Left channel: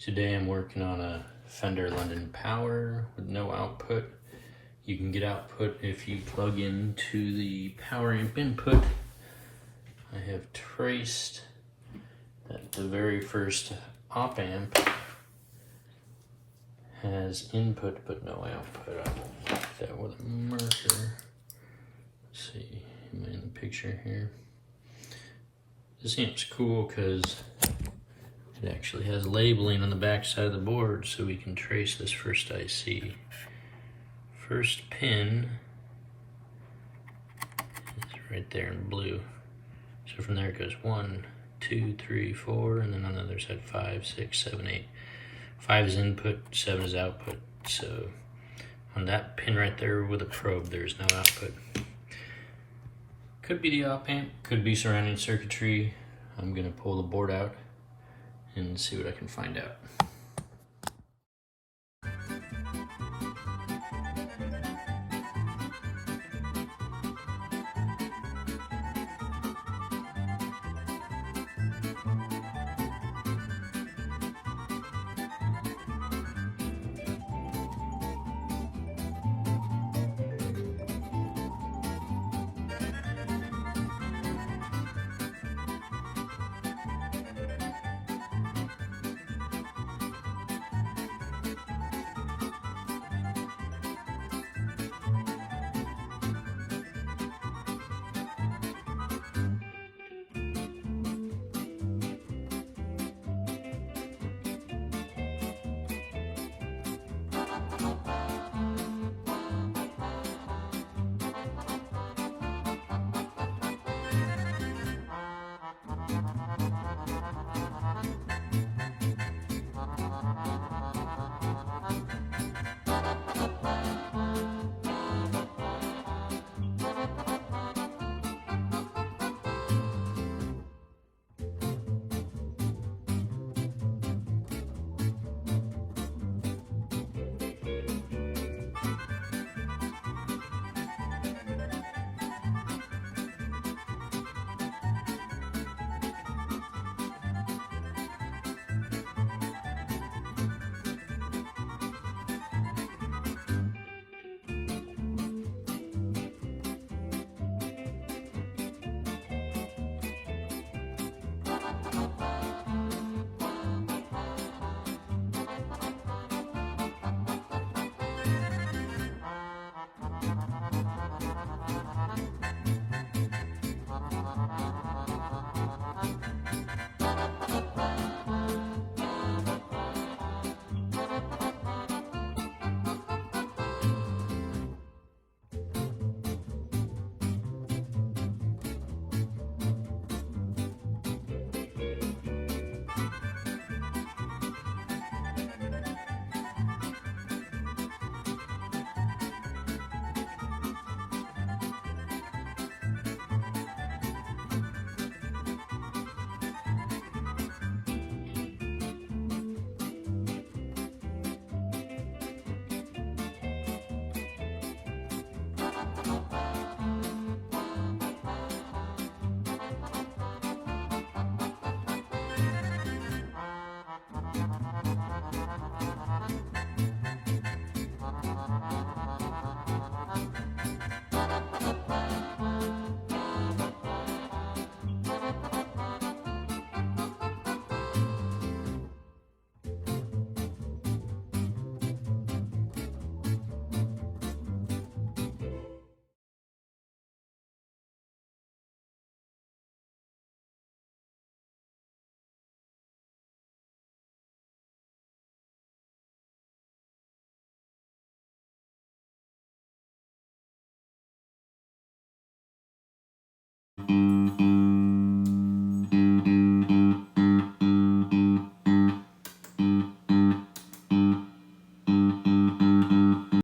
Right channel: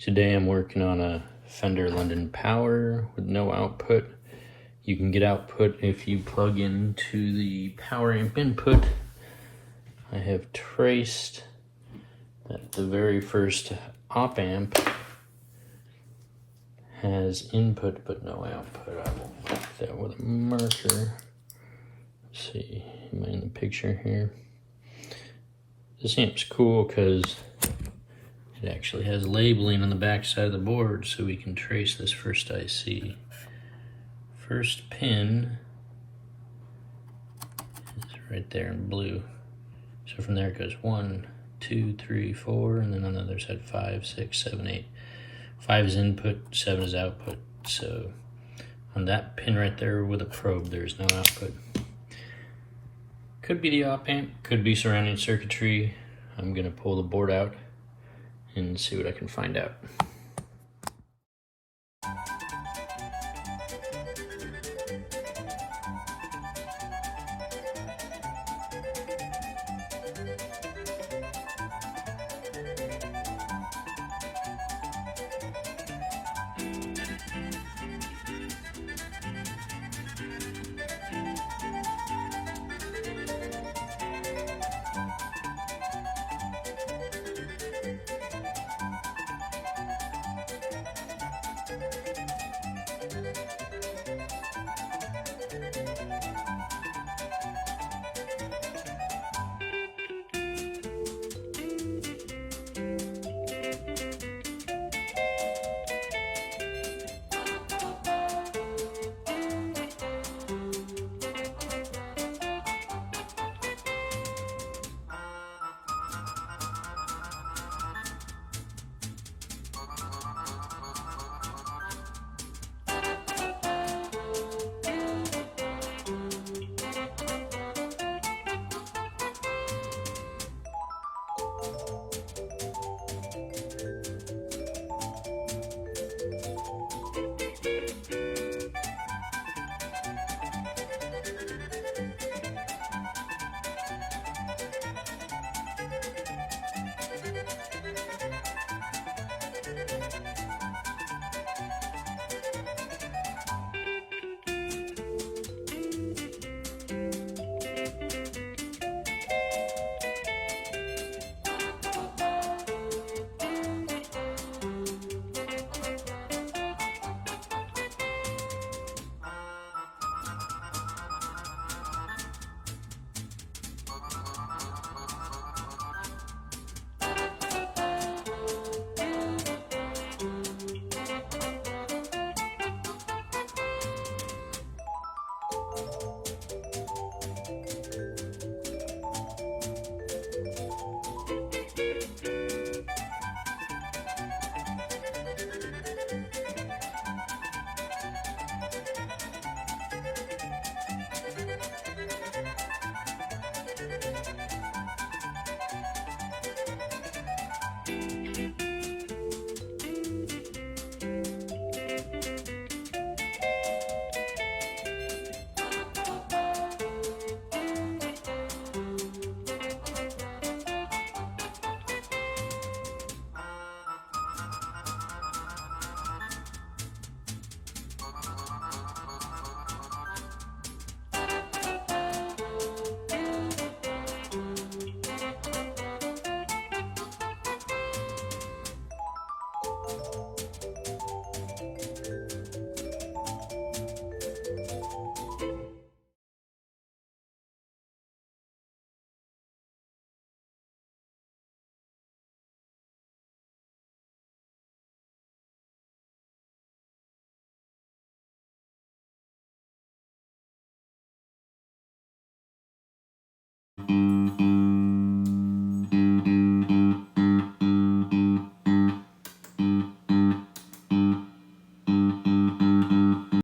Today I'm working on a Fender London Power with no output. You can get output if you plug into the power amp input. I have traced that the very first op amp has input but no output. I will mark that with a marker. Let's see, am I in the picture here? This amp's cool because it actually has labeling on the back side of the board, so we can trace this first IC. First pin is right there in blue. So from there it goes 1, 2, 3, 4, and then on the other side 5, 6, 7, 8. 5 is input, 7 is output. So on that pin right there with a probe, there's no output. Could be the op amp, could be surrounding circuitry. I'm gonna pull the board out and see what I can find out.